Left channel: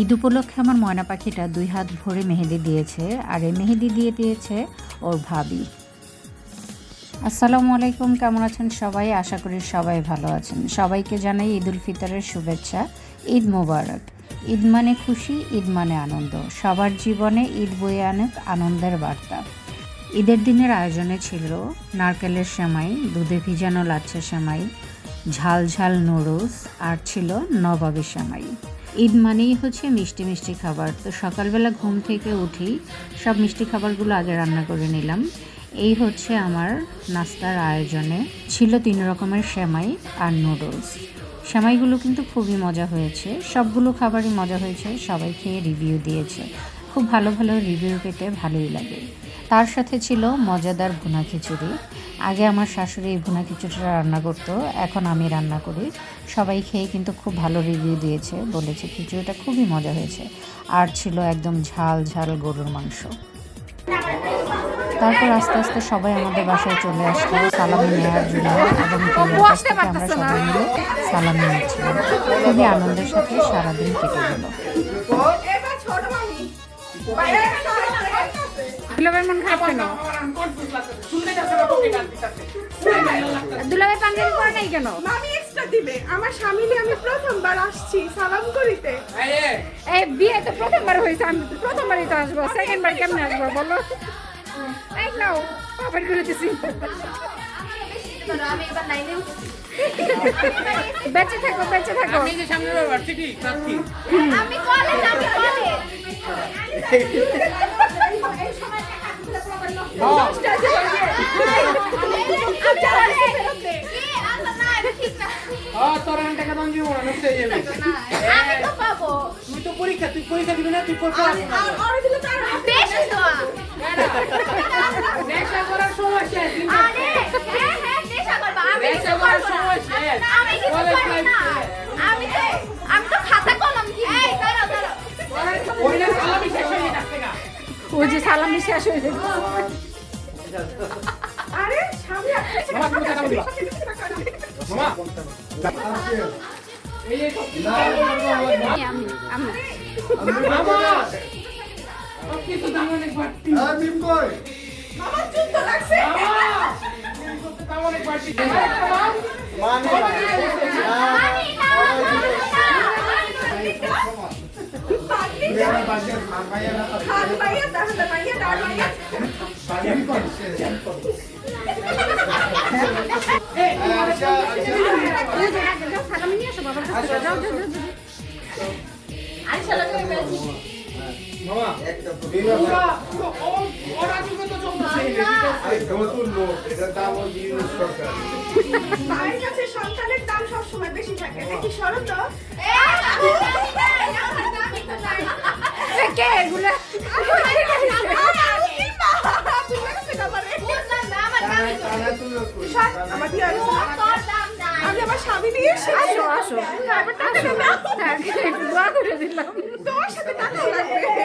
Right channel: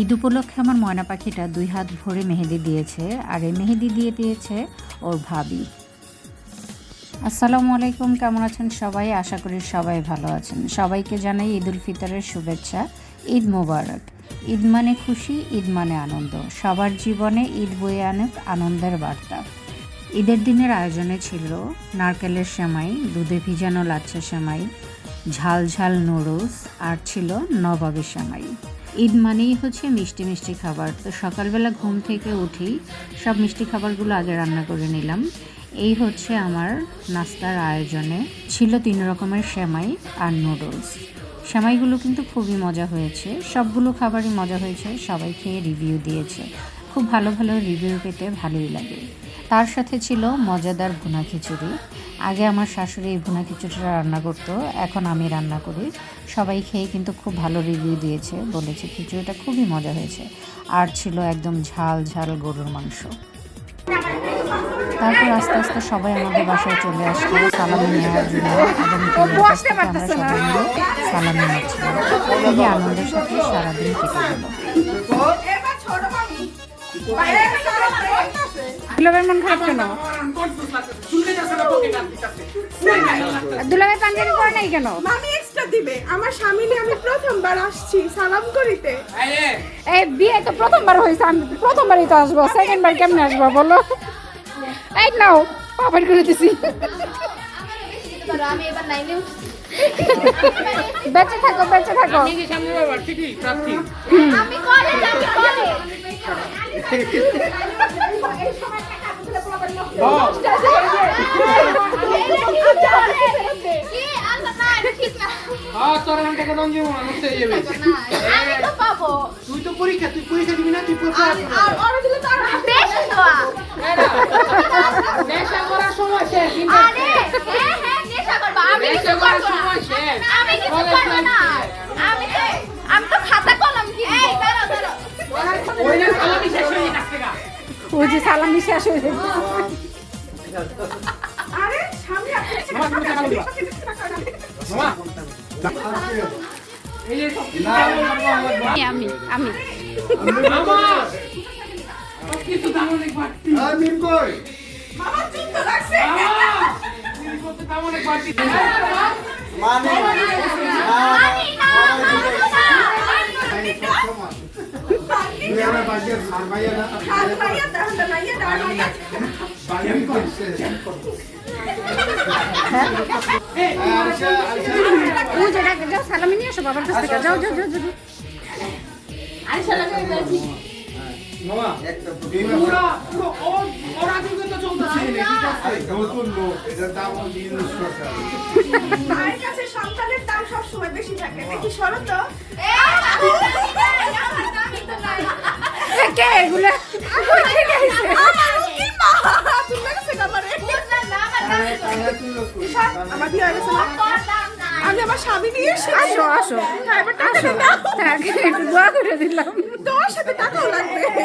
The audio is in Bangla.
ঈদ উপলক্ষে আমার ময়না পাখিটা 2 হাত ভরে মেহেদি দিয়েছে, আর এই মেহেদি দিয়ে দিয়েছে ওর ভাবি। আসসালামু আলাইকুম, কেমন আছেন সবাই? আশা করি সবাই ভালো আছেন। সবাইকে জানাই ঈদ উল ফিতরের শুভেচ্ছা। ঈদ মোবারক। ঈদ মানে খুশি, ঈদ মানে আনন্দ। সবার জীবনে ঈদ বয়ে আনুক আনন্দের বার্তা। ঈদের দিনের আয়োজনে ছিল নারকেলের সেমাই, দুধে ভিজানো লাচ্ছা সেমাই, ঝাল ঝাল নুডলস, আর ছিল নবাবী সেমাই। ঈদ মানেই হচ্ছে মিষ্টি মিষ্টি খাবার। তো সকালবেলা ঘুম থেকে উঠেই সব মিষ্টি খাবারগুলো আগে রান্না করে নিলাম। এই হচ্ছে আমার নাস্তার আয়োজনে ছিল 3 রকমের সেমাই আর নুডলস। সেমাইগুলো কিন্তু খুবই মজা হয়েছে, সবগুলো খাবারই মজা হয়েছে, সবাই খেয়ে রিভিউ দিয়েছে। খুব ভালো ভালো রিভিউ পেতে ভালোই লাগে। তার সাথে ছিল মজাদার ভুনা খিচুড়ি। আগে আমার শাশুড়ি এই ভুনা খিচুড়িটা রান্না করতো, এখন আমি রান্না করি। সবাই খেয়ে কিন্তু খুব ভালো রিভিউ দিয়েছে, বলেছে খিচুড়িটা খুবই মজা হয়েছে। আর ছিল একদম ঝাল ঝাল গরুর মাংস। তারপর আস্তে আস্তে সবাই আমাদের বাসায় চলে আসলো সালামি নেওয়ার জন্য, এবং আমরা সবাই মিলে সালামি নিচ্ছিলাম। খুবই আনন্দের সাথে সারাদিন কেটে গেল। দুলাভাই মন খারাপ কেন? দুলাভাই পাঞ্জাবি পরে নাই কেন? মামি এক্সট্রা দিবে। আমার স্বামী নিয়ে আমি প্রথমবার আসছি সালাম করিতে। এই বিয়ে তো প্রথমবার হয়েছে, আমি প্রথমবারই তো আসবো, সেকেন্ড বার কেমনে আসবো বলো? এই নাও পাপড় করে দিছি। বেঁচে থাকো, বেঁচে থাকো। আমি কলেজ আমি কলেজ। তুই তো পরীক্ষা দিবি না, তুই পরীক্ষা আমি তো খাতা কলম ওই যে সালামি শেষ হয়ে গেছে। আরে স্বামী আমি আমি সালামি নিয়ে আসো বাবার কাছ থেকে। যাও যাও যাও যাও। মায়ের কাছে সন্তানের দাম সবসময় বেশি থাকে। দেখি সরো তো। কে এগুলো? আমার বিয়ে হয়েছে আজ আমার স্বামী নিয়ে এসে আসো আসো আসো। হ্যাঁ একটু দোয়া করে দিলাম। তোমার সাথে টাকা লাগবে।